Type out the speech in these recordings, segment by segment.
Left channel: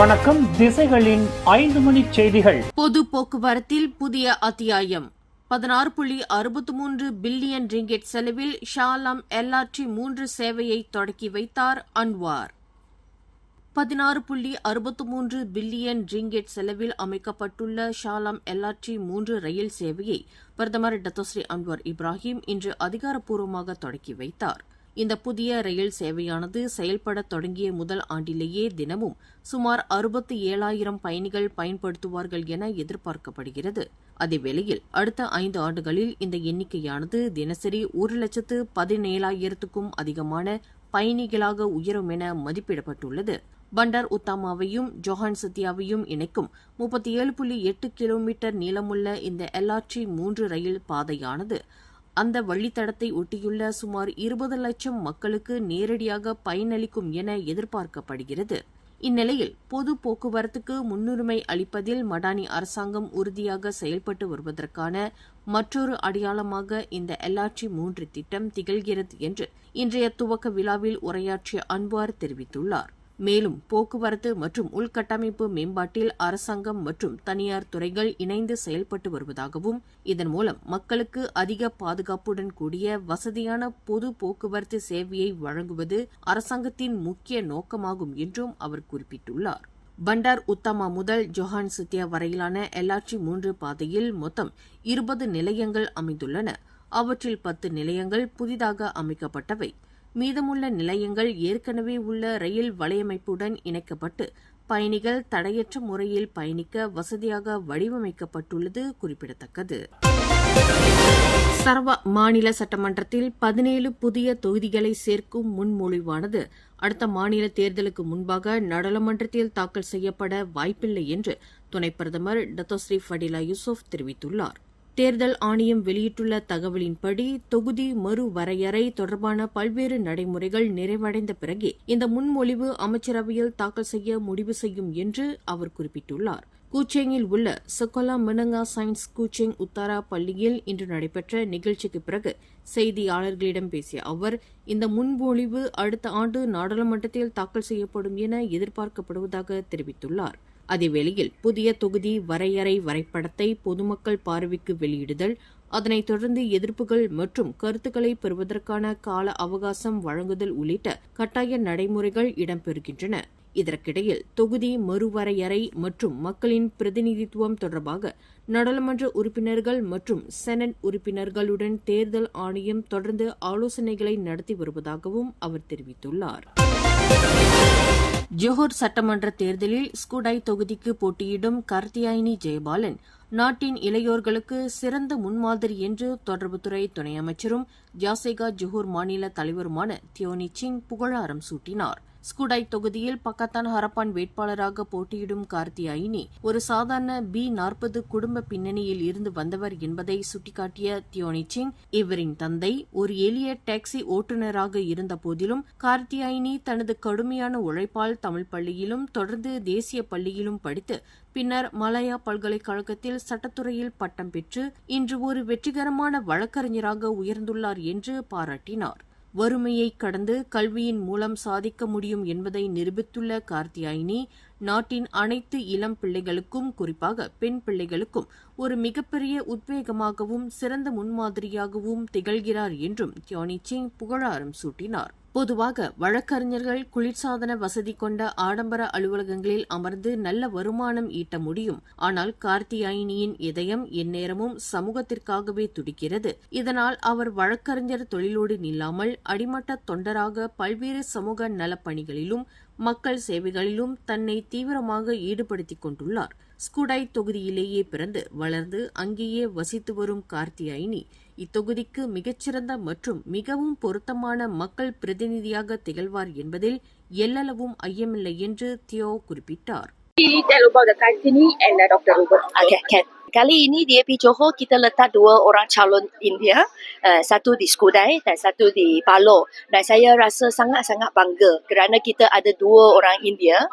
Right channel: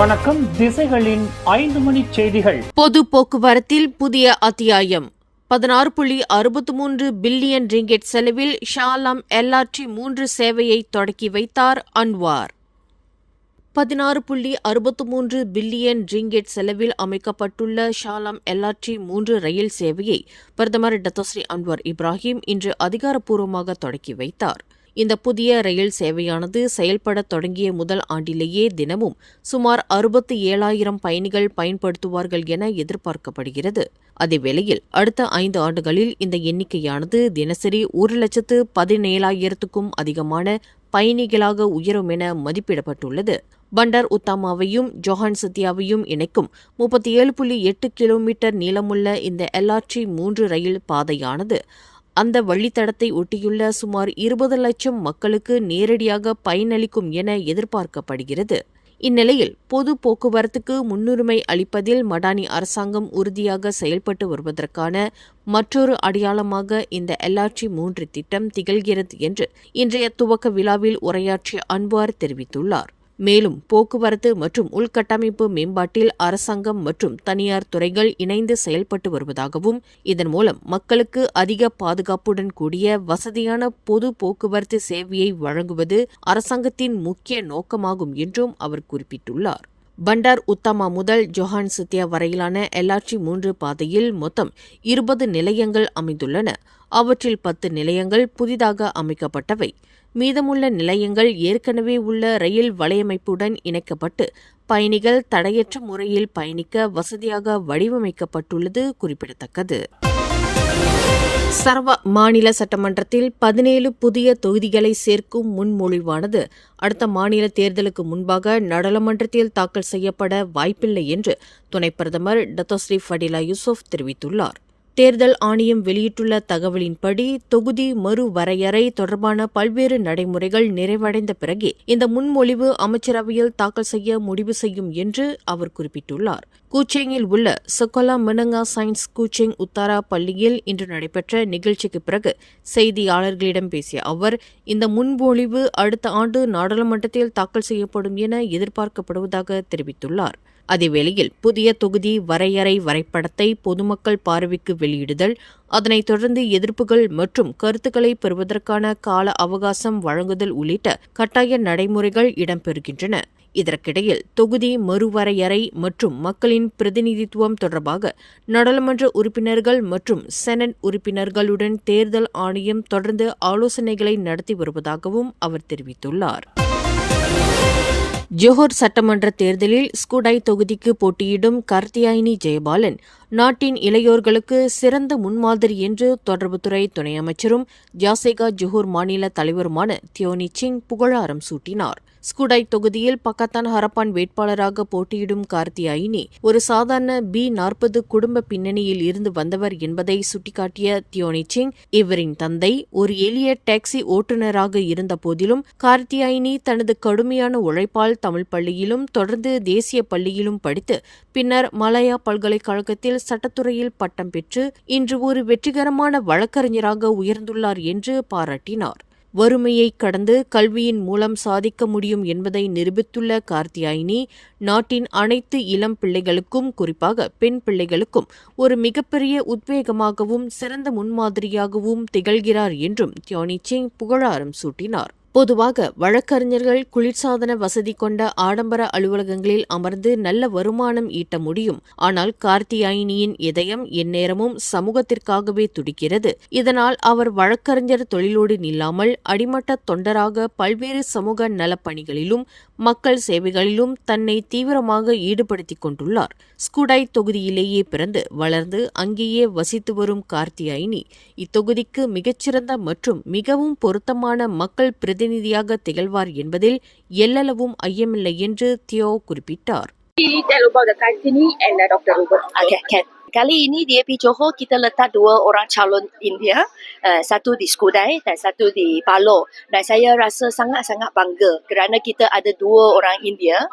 வணக்கம். திசைகளின் 5 மணி செய்திகள். பொது போக்குவரத்தில் புதிய அத்தியாயம். 16.63 பில்லியன் ரிங்கெட் செலவில் ஷாலாம் LRT3 சேவையை தொடக்கி வைத்தார் அன்வார். 16.63 பில்லியன் ரிங்கெட் செலவில் அமைக்கப்பட்டுள்ள ஷாலாம் LRT3 ரயில் சேவையை பிரதமர் டத்தோஸ்ரீ அன்வார் இப்ராஹிம் இன்று அதிகாரப்பூர்வமாக தொடக்கி வைத்தார். இந்த புதிய ரயில் சேவையானது செயல்பட தொடங்கிய முதல் ஆண்டிலேயே தினமும் சுமார் 67,000 பயணிகள் பயன்படுத்துவார்கள் என எதிர்பார்க்கப்படுகிறது. அதேவேளையில் அடுத்த 5 ஆண்டுகளில் இந்த எண்ணிக்கையானது தினசரி 1,17,000க்கும் அதிகமான பயணிகளாக உயரும் என மதிப்பிடப்பட்டுள்ளது. பண்டார் உத்தாமாவையும் ஜொஹான் சத்தியாவையும் இணைக்கும் 37.8 கிலோமீட்டர் நீளமுள்ள இந்த LRT3 ரயில் பாதையானது அந்த வழித்தடத்தை ஒட்டியுள்ள சுமார் 20 லட்சம் மக்களுக்கு நேரடியாக பயனளிக்கும் என எதிர்பார்க்கப்படுகிறது. இந்நிலையில் பொது போக்குவரத்துக்கு முன்னுரிமை அளிப்பதில் மடானி அரசாங்கம் உறுதியாக செயல்பட்டு வருவதற்கான மற்றொரு அடையாளமாக இந்த LRT3 திட்டம் திகழ்கிறது என்று இன்றைய துவக்க விழாவில் உரையாற்றிய அன்வார் தெரிவித்துள்ளார். மேலும் போக்குவரத்து மற்றும் உள்கட்டமைப்பு மேம்பாட்டில் அரசாங்கம் மற்றும் தனியார் துறைகள் இணைந்து செயல்பட்டு வருவதாகவும் இதன் மூலம் மக்களுக்கு அதிக பாதுகாப்புடன் கூடிய வசதியான பொது போக்குவரத்து சேவையை வழங்குவது அரசாங்கத்தின் முக்கிய நோக்கமாகும் என்றும் அவர் குறிப்பிட்டுள்ளார். பண்டார் உத்தாமா முதல் ஜொஹான் சத்தியா வரையிலான LRT3 பாதையில் மொத்தம் 20 நிலையங்கள் அமைந்துள்ளன. அவற்றில் 10 நிலையங்கள் புதிதாக அமைக்கப்பட்டவை. மீதமுள்ள நிலையங்கள் ஏற்கனவே உள்ள ரயில் வலையமைப்புடன் இணைக்கப்பட்டு பயணிகள் தடையற்ற முறையில் பயணிக்க வசதியாக வடிவமைக்கப்பட்டுள்ளது குறிப்பிடத்தக்கது. சரவா மாநில சட்டமன்றத்தில் 17 புதிய தொகுதிகளை சேர்க்கும் முன்மொழிவானது அடுத்த மாநில தேர்தலுக்கு முன்பாக நாடாளுமன்றத்தில் தாக்கல் செய்யப்பட வாய்ப்பில்லை என்று துணை பிரதமர் டத்தோஸ்ரீ ஃபடிலா யூசுப் தெரிவித்துள்ளார். தேர்தல் ஆணையம் வெளியிட்டுள்ள தகவலின்படி தொகுதி மறுவரையறை தொடர்பான பல்வேறு நடைமுறைகள் நிறைவடைந்த பிறகே இந்த முன்மொழிவு அமைச்சரவையில் தாக்கல் செய்ய முடிவு செய்யும் என்று அவர் குறிப்பிட்டுள்ளார். கூச்சேங்கில் உள்ள சகோலா மெனங்கா சயின்ஸ் கூச்சேங் உத்தாரா பள்ளியில் இன்று நடைபெற்ற நிகழ்ச்சிக்கு பிறகு செய்தியாளர்களிடம் பேசிய அவர் இந்த முன்மொழிவு அடுத்த ஆண்டு நாடாளுமன்றத்தில் தாக்கல் செய்யப்படும் என எதிர்பார்க்கப்படுவதாக தெரிவித்துள்ளார். அதேவேளையில் புதிய தொகுதி வரையறை வரைபடத்தை பொதுமக்கள் பார்வைக்கு வெளியிடுதல், அதனைத் தொடர்ந்து எதிர்ப்புகள் மற்றும் கருத்துக்களை பெறுவதற்கான கால அவகாசம் வழங்குதல் உள்ளிட்ட கட்டாய நடைமுறைகள் இடம்பெறுகின்றன. இதற்கிடையில் தொகுதி மறுவரையறை மற்றும் மக்களின் பிரதிநிதித்துவம் தொடர்பாக நாடாளுமன்ற உறுப்பினர்கள் மற்றும் செனட் உறுப்பினர்களுடன் தேர்தல் ஆணையம் தொடர்ந்து ஆலோசனைகளை நடத்தி வருவதாகவும் அவர் தெரிவித்துள்ளார். ஜோஹர் சட்டமன்ற தேர்தலில் ஸ்கூடாய் தொகுதிக்கு போட்டியிடும் கார்த்தியாயினி ஜெயபாலன் நாட்டின் இளையோர்களுக்கு சிறந்த முன்மாதிரி என்று தொடர்புத்துறை துணை அமைச்சரும் ஜாசேகா ஜோஹர் மாநில தலைவருமான தியோனி சிங் புகழாரம் சூட்டினார். ஸ்கூடாய் தொகுதியில் பக்கத்தான் ஹரப்பான் வேட்பாளராக போட்டியிடும் கார்த்தியாயினி ஒரு சாதாரண B40 குடும்ப பின்னணியில் இருந்து வந்தவர் என்பதை சுட்டிக்காட்டிய தியோனி சிங், இவரின் தந்தை ஒரு எளிய டாக்ஸி ஓட்டுநராக இருந்த போதிலும் கார்த்தியாயினி தனது கடுமையான உழைப்பால் தமிழ் பள்ளியிலும் தொடர்ந்து தேசிய பள்ளியிலும் படித்து பின்னர் மலாயா பல்கலைக்கழகத்தில் சட்டத்துறையில் பட்டம் பெற்று இன்று ஒரு வெற்றிகரமான வழக்கறிஞராக உயர்ந்துள்ளார் என்று பாராட்டினார். வறுமையை கடந்து கல்வியின் மூலம் சாதிக்க முடியும் என்பதை நிரூபித்துள்ள கார்த்தியாயினி நாட்டின் அனைத்து இளம் பிள்ளைகளுக்கும், குறிப்பாக பெண் பிள்ளைகளுக்கும் ஒரு மிகப்பெரிய உத்வேகமாகவும் சிறந்த முன்மாதிரியாகவும் திகழ்கிறார் என்றும் தியோனி சிங் புகழாரம் சூட்டினார். பொதுவாக வழக்கறிஞர்கள் குளிர்சாதன வசதி கொண்ட ஆடம்பர அலுவலகங்களில் அமர்ந்து நல்ல வருமானம் ஈட்ட முடியும். ஆனால் கார்த்தியாயினியின் இதயம் எந்நேரமும் சமூகத்திற்காகவே துடிக்கிறது. இதனால் அவர் வழக்கறிஞர் தொழிலோடு நில்லாமல் அடிமட்ட தொண்டராக பல்வேறு சமூக நலப்பணிகளிலும் மக்கள் சேவைகளிலும் தன்னை தீவிரமாக ஈடுபடுத்திக் கொண்டுள்ளார். ஸ்கூடாய் தொகுதியிலேயே பிறந்து வளர்ந்து அங்கேயே வசித்து வரும் கார்த்தியாயினி இத்தொகுதிக்கு மிகச்சிறந்த மற்றும் மிகவும் பொருத்தமான மக்கள் பிரதிநிதியாக திகழ்வார் என்பதில் எல்லளவும் ஐயமில்லை என்று தியோ குறிப்பிட்டார். Tell about the Kartini and Dr. Robert. Okay, can. Kali ini di AP Johor kita letak 2 orang calon India, satu di Skudai dan satu di Palo. Dan saya rasa sangat-sangat bangga kerana kita ada 2 orang India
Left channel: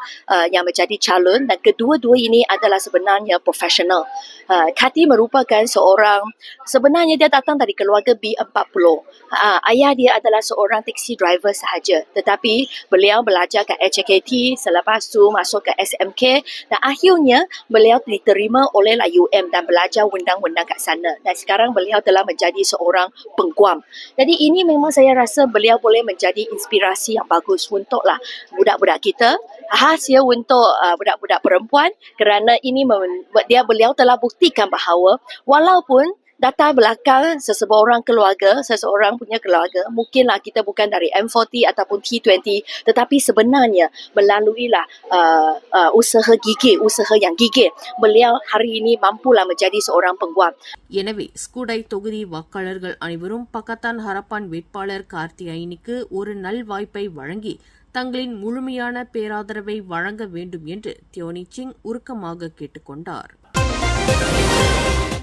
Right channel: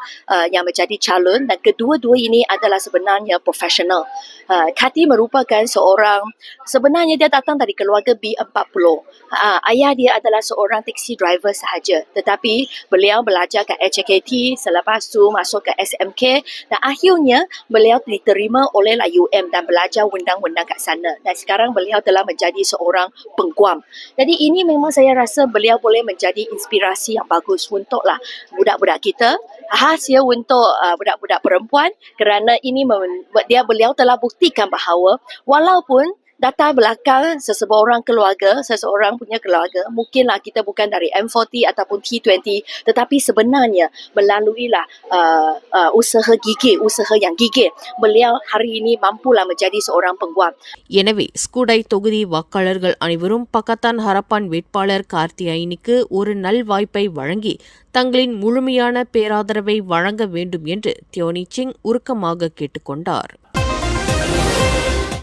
yang menjadi calon dan kedua-dua ini adalah sebenarnya profesional. Kati merupakan sebenarnya dia datang dari keluarga B40. Ayah dia adalah seorang taxi driver sahaja, tetapi beliau belajar ke HKT, selepas tu masuk ke SMK dan akhirnya beliau diterima oleh UM dan belajar undang-undang kat sana. Dan sekarang beliau telah menjadi seorang pengguam. Jadi ini memang saya rasa beliau boleh menjadi inspirasi yang bagus untuklah budak-budak kita, khasia untuk budak-budak perempuan kerana ini beliau telah buktikan bahawa walaupun data belakang seseorang punya keluarga, mungkinlah kita bukan dari M40 ataupun T20, tetapi sebenarnya melaluilah usaha yang gigih, beliau hari ini mampulah menjadi seorang pengguam. எனவே ஸ்கூடை தொகுதி வாக்காளர்கள் அனைவரும் Pakatan Harapan வேட்பாளர் கார்த்தியாயினிக்கு ஒரு நல்வாய்ப்பை வழங்கி தங்களின் முழுமையான பேராதரவை வழங்க வேண்டும் என்று தியோனி சிங் உருக்கமாக கேட்டுக்கொண்டார்.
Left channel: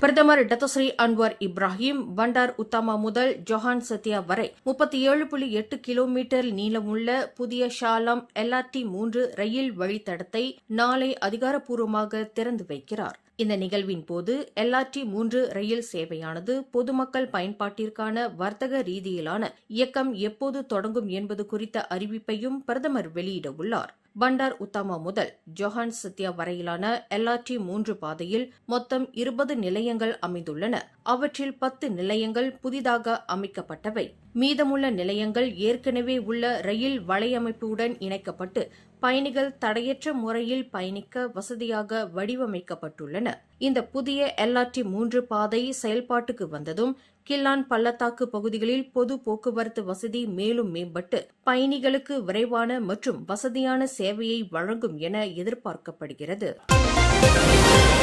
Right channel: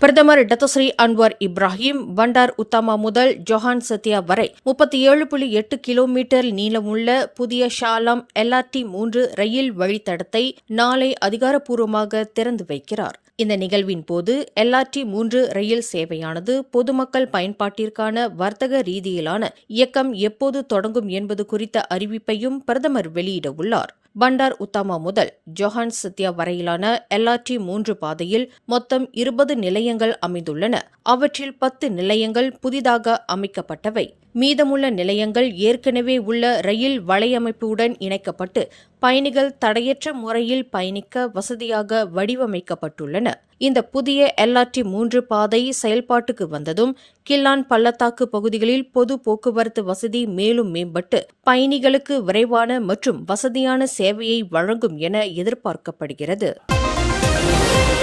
பிரதமர் டத்தோஸ்ரீ அன்வார் இப்ராஹிம் பண்டார் உத்தாமா முதல் ஜொஹான் சத்யா வரை 37.8 கிலோமீட்டர் நீளமுள்ள புதிய ஷாலாம் LRT 3 ரயில் வழித்தடத்தை நாளை அதிகாரப்பூர்வமாக திறந்து வைக்கிறார். இந்த நிகழ்வின் போது LRT 3 ரயில் சேவையானது பொதுமக்கள் பயன்பாட்டிற்கான வர்த்தக ரீதியிலான இயக்கம் எப்போது தொடங்கும் என்பது குறித்த அறிவிப்பையும் பிரதமர் வெளியிட உள்ளார். பண்டார் உத்தாமா முதல் ஜொஹான் சத்யா வரையிலான LRT 3 பாதையில் மொத்தம் 20 நிலையங்கள் அமைந்துள்ளன. அவற்றில் 10 நிலையங்கள் புதிதாக அமைக்கப்பட்டவை. மீதமுள்ள நிலையங்கள் ஏற்கனவே உள்ள ரயில் வலையமைப்புடன் இணைக்கப்பட்டு பயணிகள் தடையற்ற முறையில் பயணிக்க வசதியாக வடிவமைக்கப்பட்டுள்ளன. இந்த புதிய LRT 3 பாதை செயல்பாட்டுக்கு வந்ததும் கில்லான் பள்ளத்தாக்கு பகுதிகளில் பொது போக்குவரத்து வசதி மேலும் மேம்பட்டு பயணிகளுக்கு விரைவான மற்றும் வசதியான சேவையை வழங்கும் என எதிர்பார்க்கப்படுகிறது.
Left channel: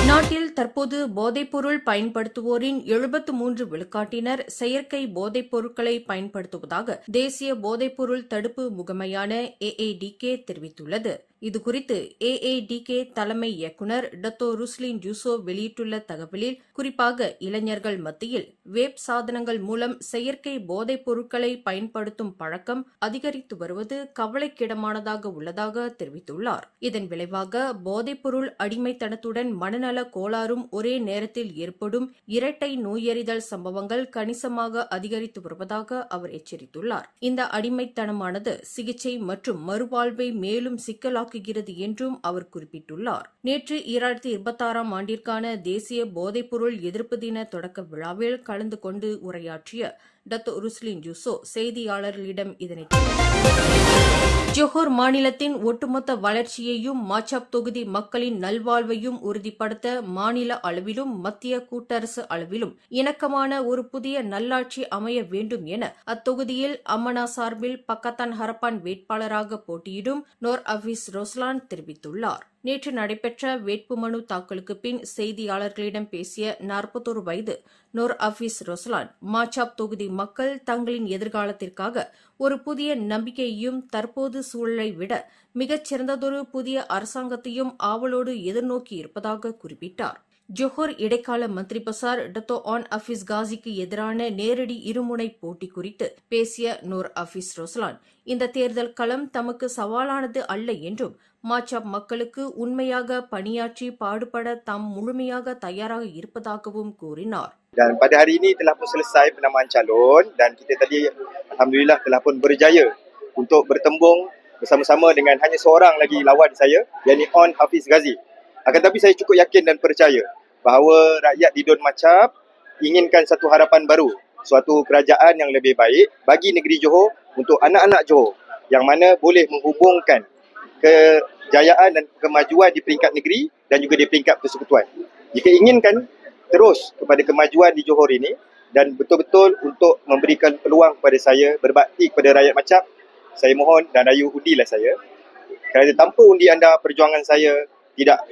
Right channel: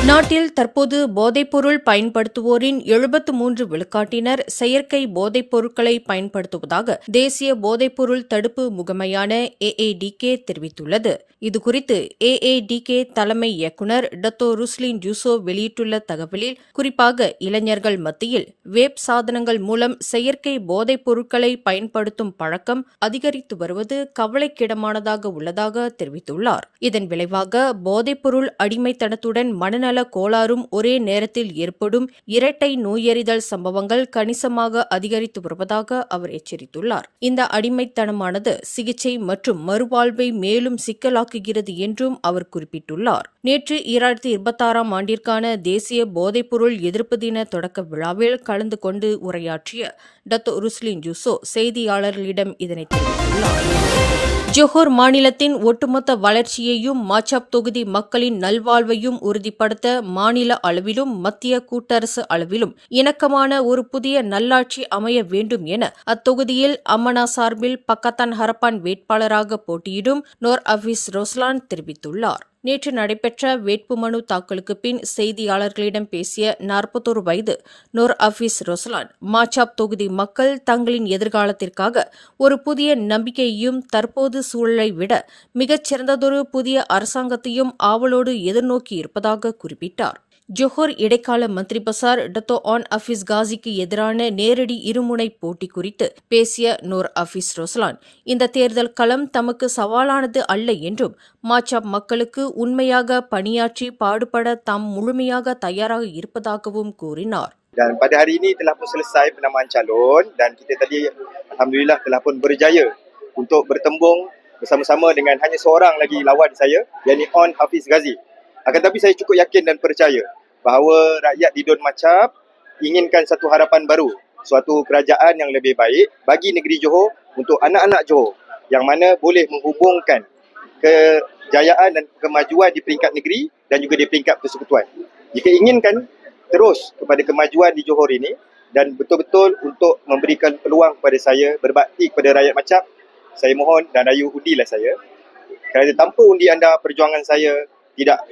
நாட்டில் தற்போது போதைப்பொருள் பயன்படுத்துவோரின் 73 விழுக்காட்டினர் செயற்கை போதைப் பொருட்களை பயன்படுத்துவதாக தேசிய போதைப்பொருள் தடுப்பு முகமையான AADK தெரிவித்துள்ளது. இதுகுறித்து AADK தலைமை இயக்குநர் டத்தோ ருஸ்லின் ஜூசோ வெளியிட்டுள்ள தகவலில் குறிப்பாக இளைஞர்கள் மத்தியில் வேப் சாதனங்கள் மூலம் செயற்கை போதைப் பொருட்களை பயன்படுத்தும் பழக்கம் அதிகரித்து வருவது கவலைக்கிடமானதாக உள்ளதாக தெரிவித்துள்ளார். இதன் விளைவாக போதைப்பொருள் அடிமைத்தனத்துடன் மனநல கோளாறும் ஒரே நேரத்தில் ஏற்படும் இரட்டை நோயறிதல் சம்பவங்கள் கணிசமாக அதிகரித்து வருவதாக அவர் எச்சரித்துள்ளார். இந்த அடிமைத்தனமானது சிகிச்சை மற்றும் மறுவாழ்வை மேலும் சிக்கலாக்குகிறது என்றும் அவர் குறிப்பிட்டுள்ளார். நேற்று 2026 ஆண்டிற்கான தேசிய போதைப்பொருள் எதிர்ப்பு தின தொடக்க விழாவில் கலந்து கொண்டு உரையாற்றிய டத்தோ ருஸ்லின் ஜூசோ செய்தியாளர்களிடம் இதனை தெரிவித்துள்ளார். ஜொஹோர் மாநிலத்தின் ஒட்டுமொத்த வளர்ச்சியையும் மாச்சாப் தொகுதி மக்களின் நல்வாழ்வையும் உறுதிப்படுத்த மாநில அளவிலும் மத்திய கூட்டரசு அளவிலும் இணக்கமான ஒரு புதிய நல்லாட்சி அமைய வேண்டும் என அத்தொகுதியில் அம்மனா சார்பில் பக்கத்தான் ஹரப்பான் வேட்பாளராக போட்டியிடும் நோர் அஃபீஸ் ரோஸ்லான் தெரிவித்துள்ளார். நேற்று நடைபெற்ற வேட்புமனு தாக்கலுக்கு பின் செய்தியாளர்களிடம் பேசிய 41 வயது நோர் அஃபீஸ் ரோஸ்லான் மாச்சாப் தொகுதி மக்கள் தங்களின் எதிர்காலத்திற்காக ஒரு புதிய நம்பிக்கையையும் தற்போது சூழலை விட மிகச்சிறந்ததொரு புதிய அரசாங்கத்தையும் ஆவலோடு எதிர்நோக்கி இருப்பதாக குறிப்பிட்டார். ஜொஹோர் இடைக்கால மந்திரி பசார் டத்தோ ஆன் அஃபீஸ் காசிக்கு எதிரான நேரடி இருமுனை போட்டி குறித்து பேசிய நோர் அஃபீஸ் ரோஸ்லான் இந்த தேர்தல் களம் தமக்கு சவாலானது அல்ல என்றும் மாச்சாப் மக்களுக்கு உண்மையாக பணியாற்றி பாடுபட தாம் முழுமையாக தயாராக இருப்பதாகவும் கூறினார். Dan pada hari ini telah pun selesai penamaan calon dan kita tadi alhamdulillah telah pun berjaya untuk bertembung bersama-sama dengan hanya seorang lagi lawan saya, yakni On Hafiz Ghazi. Akan tetapi saya cukup yakin dan percaya bahawa rakyat di Don Macap inginkan satu harapan baru, suatu kerajaan yang lebih baik bagi negeri Johor untuk anak-anak Johor yang mana boleh menghubungkan kejayaan dan kemajuan di peringkat negeri dan juga di peringkat persekutuan. Jika inginkan terus kepada kemajuan di Johor ini dan betul-betul untuk memberikan peluang kepada saya berbakti kepada rakyat Macap, saya mohon dan rayu undilah saya. Kerana tanpa undi anda, perjuangan saya tidak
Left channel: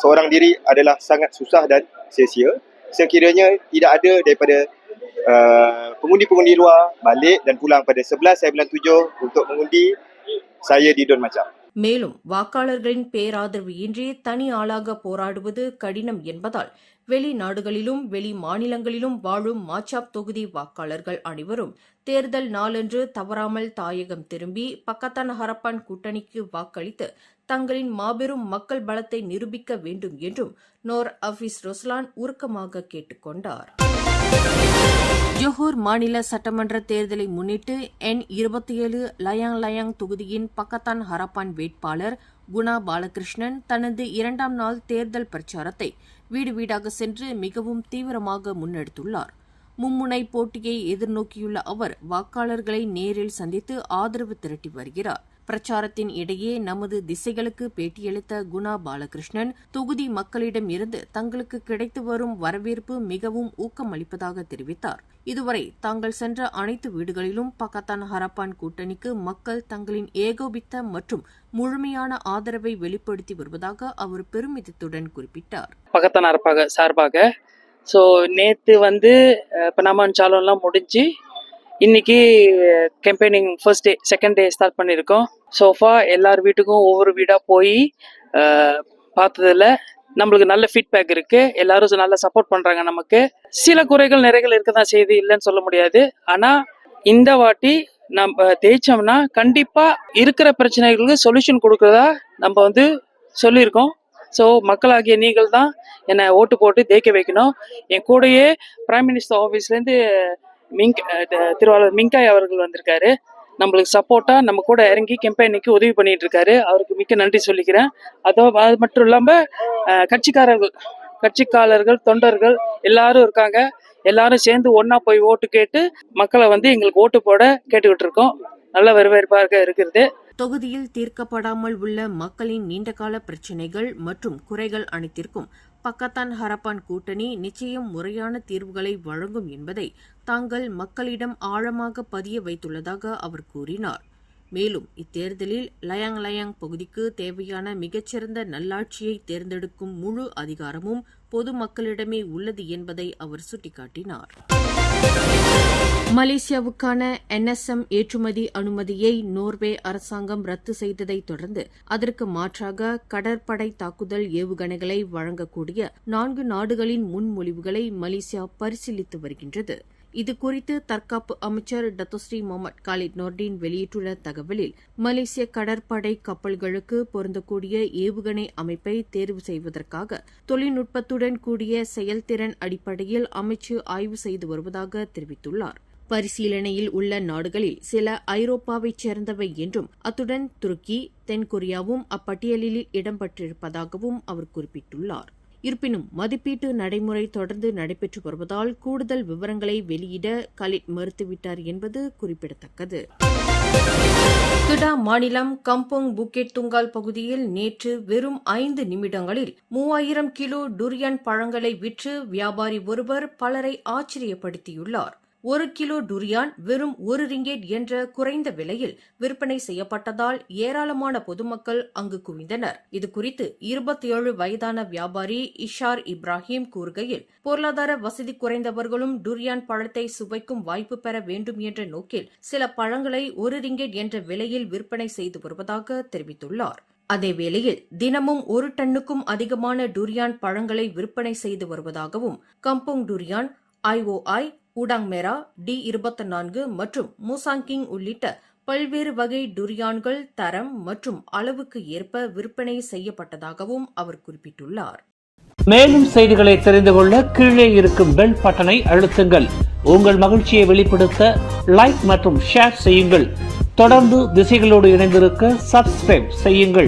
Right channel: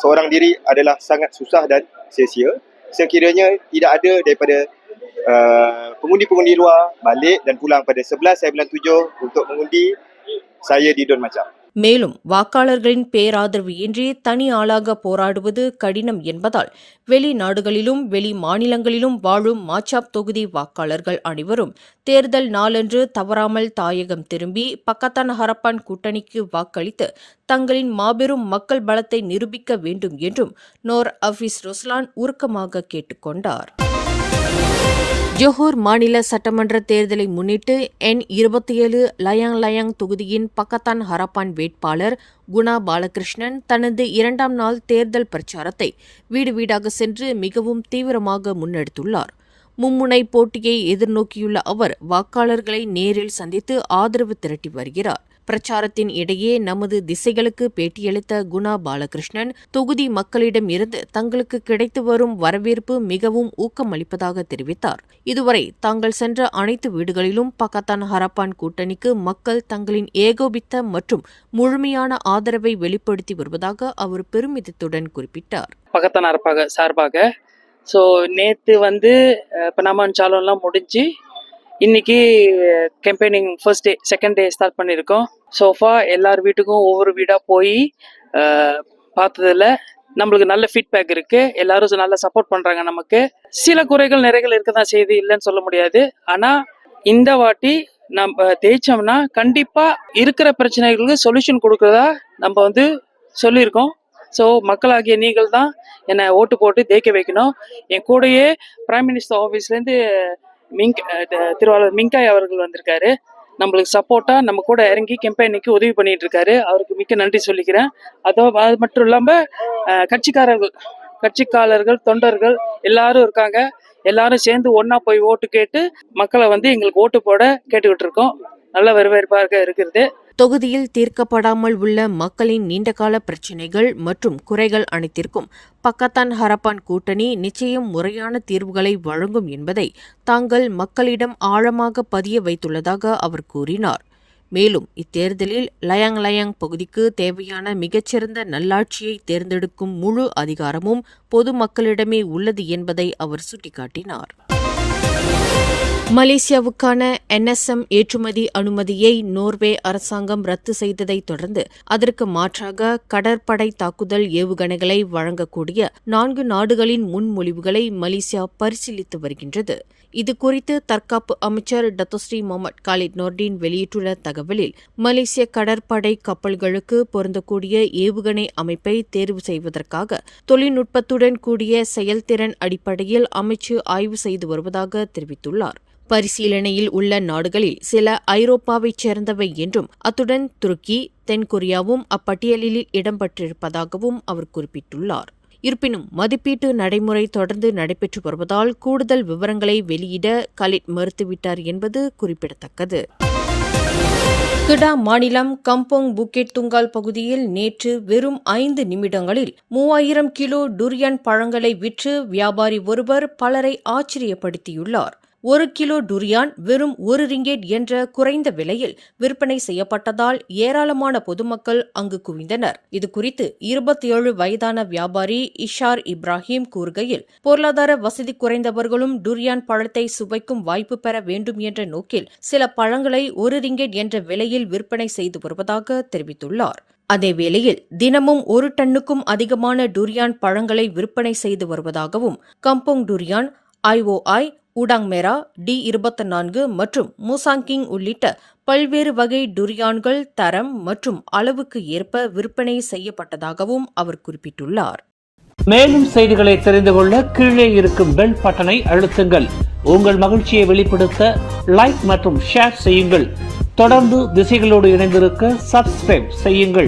seorang diri adalah sangat susah dan sia-sia. Sekiranya tidak ada daripada pengundi-pengundi luar balik dan pulang pada 11 bulan 7 untuk mengundi saya di Don Macap. மேலும் வாக்காளர்களின் பேராதரவு இன்றி தனி ஆளாக போராடுவது கடினம் என்பதால் வெளிநாடுகளிலும் வெளி மாநிலங்களிலும் வாழும் மாச்சாப் தொகுதி வாக்காளர்கள் அனைவரும் தேர்தல் நாளன்று தவறாமல் தாயகம் திரும்பி பக்கத்தான் ஹரப்பான் கூட்டணிக்கு வாக்களித்து தங்களின் மாபெரும் மக்கள் பலத்தை நிரூபிக்க வேண்டும் என்றும் நோர் அஃபீஸ் ருஸ்லான் உருக்கமாக கேட்டுக்கொண்டார். ஜொஹூர் மாநில சட்டமன்ற தேர்தலை முன்னிட்டு N27 லயாங் லயாங் தொகுதியின் பக்கத்தான் ஹரப்பான் வேட்பாளர் குணா பாலகிருஷ்ணன் தனது 2ஆம் நாள் தேர்தல் பிரச்சாரத்தை வீடு வீடாக சென்று மிகவும் தீவிரமாக முன்னெடுத்துள்ளார். மும்முனை போட்டியை எதிர்நோக்கியுள்ள அவர் வாக்காளர்களை நேரில் சந்தித்து ஆதரவு திரட்டி வருகிறார். பிரச்சாரத்தின் இடையே நமது திசைகளுக்கு பேட்டியளித்த குணா பாலகிருஷ்ணன் தொகுதி மக்களிடம் இருந்து தங்களுக்கு கிடைத்து வரும் வரவேற்பு மிகவும் ஊக்கமளிப்பதாக தெரிவித்தார். இதுவரை தாங்கள் சென்ற அனைத்து வீடுகளிலும் பக்கத்தான் ஹரப்பான் கூட்டணிக்கு மக்கள் தங்களின் ஏகோபித்த மற்றும் முழுமையான ஆதரவை வெளிப்படுத்தி வருவதாக அவர் பெருமிதத்துடன் குறிப்பிட்டார். பக்கத்தான் ஹரப்பாக சார்பாக நேற்று பனாமான் சாலோன்லாம் முடிஞ்சு இன்னைக்கு campaigning first day second day start பண்ணியிருக்கோம். சோஃபா எல்லார் வீட்டுக்கும் ஒவ்வொரு வீடாக போய் பார்த்ததில் நம்மளுக்கு நல்ல ஃபீட்பேக் இருக்குது. எல்லாரும் நல்லா சப்போர்ட் பண்ணுறாங்க. நமக்கு சில குறைகள் நிறைகள் இருக்க தான் செய்யுது, இல்லைன்னு சொல்ல முடியாது. ஆனால் இந்த வாட்டி நம்ம ஜெயிச்சோம்னா கண்டிப்பாக இருக்கிற பிரச்சனைகளுக்கு சொல்யூஷன் கொடுக்குறதா நம்ம சொல்லியிருக்கோம். ஸோ மக்களாகிய நீங்கள் தான் என்னை ஓட்டு போட்டு ஜெயிக்க வைக்கணும். என் கூடயே பிரைம் மினிஸ்டர் ஆஃபீஸ்லேருந்து திருவாளர் மிங்காய் அவர்கள் வந்திருக்காரு. நம்மளுக்கு சப்போர்ட்டா நம்ம கூட இறங்கி கேம்பெயினுக்கு உதவி பண்ணிட்டு இருக்காரு. அவருக்கு மிக்க நன்றி சொல்லிக்கிறேன். அது மட்டும் இல்லாம கட்சிக்காரர்கள் தொண்டர்கள் எல்லாரும் இருக்காங்க. எல்லாரும் சேர்ந்து ஒன்னா போய் ஓட்டு கேட்டு மக்களை எங்களுக்கு ஓட்டு போட கேட்டுக்கிட்டு இருக்கோம். நல்ல வரவேற்பாக இருக்கிறது. தொகுதியில் தீர்க்கப்படாமல் உள்ள மக்களின் நீண்டகால பிரச்சினைகள் மற்றும் குறைகள் அனைத்திற்கும் பக்கத்தான் ஹரப்பான் கூட்டணி நிச்சயம் முறையான தீர்வுகளை வழங்கும் என்பதை தாங்கள் மக்களிடம் ஆழமாக பதிய வைத்துள்ளதாக அவர் கூறினார். மேலும் இத்தேர்தலில் லயாங் லயாங் பகுதிக்கு தேவையான மிகச்சிறந்த நல்லாட்சியை தேர்ந்தெடுக்கும் முழு அதிகாரமும் பொதுமக்களிடமே உள்ளது என்பதை அவர் சுட்டிக்காட்டினார். மலேசியாவுக்கான NSM ஏற்றுமதி அனுமதியை நோர்வே அரசாங்கம் ரத்து செய்ததை தொடர்ந்து அதற்கு மாற்றாக கடற்படை தாக்குதல் ஏவுகணைகளை வழங்கக்கூடிய 4 நாடுகளின் முன்மொழிவுகளை மலேசியா பரிசீலித்து வருகின்றது. இதுகுறித்து தற்காப்பு அமைச்சர் டத்தோஸ்ரீ முகமது காலித் நோர்டின் வெளியிட்டுள்ள தகவலில் மலேசிய கடற்படை கப்பல்களுக்கு பொருந்தக்கூடிய ஏவுகணை அமைப்பை தேர்வு செய்வதற்காக தொழில்நுட்பத்துடன் கூடிய செயல்திறன் அடிப்படையில் அமைச்சு ஆய்வு செய்து வருவதாக தெரிவித்துள்ளார். பரிசீலனையில் உள்ள நாடுகளில் சில ஐரோப்பாவைச் சேர்ந்தவை என்றும் அத்துடன் துருக்கி தென்கொரியாவும் அப்பட்டியலில் இடம்பெற்றிருப்பதாகவும் அவர் குறிப்பிட்டுள்ளார். இருப்பினும் மதிப்பீட்டு நடைமுறை தொடர்ந்து நடைபெற்று வருவதால் கூடுதல் விவரங்களை வெளியிட கலிட் மறுத்துவிட்டார் என்பது குறிப்பிடத்தக்கது. கிடா மாநிலம் கம்போங் புக்கெட் துங்கால் பகுதியில் நேற்று வெறும் 5 நிமிடங்களில் 3000 கிலோ டுரியன் பழங்களை விற்று வியாபாரி ஒருவர் பலரை ஆச்சரியப்படுத்தியுள்ளார். 1 கிலோ டுரியான் வெறும் 1 ரிங்கெட் என்ற குறைந்த விலையில் விற்பனை செய்யப்பட்டதால் ஏராளமான பொதுமக்கள் அங்கு குவிந்தனர். இதுகுறித்து 27 வயதான வியாபாரி இஷார் இப்ராஹிம் கூறுகையில், பொருளாதார வசதி குறைந்தவர்களும் டுரியான் பழத்தை சுவைக்கும் வாய்ப்பு பெற வேண்டும் என்ற நோக்கில் சில பழங்களை 1 ரிங்கெட் என்ற விலையில் விற்பனை செய்து வருவதாக தெரிவித்துள்ளார். அதேவேளையில் தினமும் 1 டன்னுக்கும் அதிகமான டுரியான் பழங்களை விற்பனை செய்து வருவதாகவும் கம்போங் டுரியான், IOI, ஊடாங் மேரா, D24 மற்றும் மூசாங்கிங் உள்ளிட்ட பல்வேறு வகை டுரியான்கள் தரம் மற்றும் அளவுக்கு ஏற்ப விற்பனை செய்யப்பட்டதாகவும் அவர் குறிப்பிட்டுள்ளார். மேலும் செய்திகளை தெரிந்து கொள்ள கீழே இருக்கும் பெல் பட்டனை அழுத்துங்கள். உங்கள் மகிழ்ச்சியை வெளிப்படுத்த லைக் மற்றும் ஷேர் செய்யுங்கள். தொடர்ந்து திசைகளோடு இணைந்திருக்க சப்ஸ்கிரைப் செய்யுங்கள்.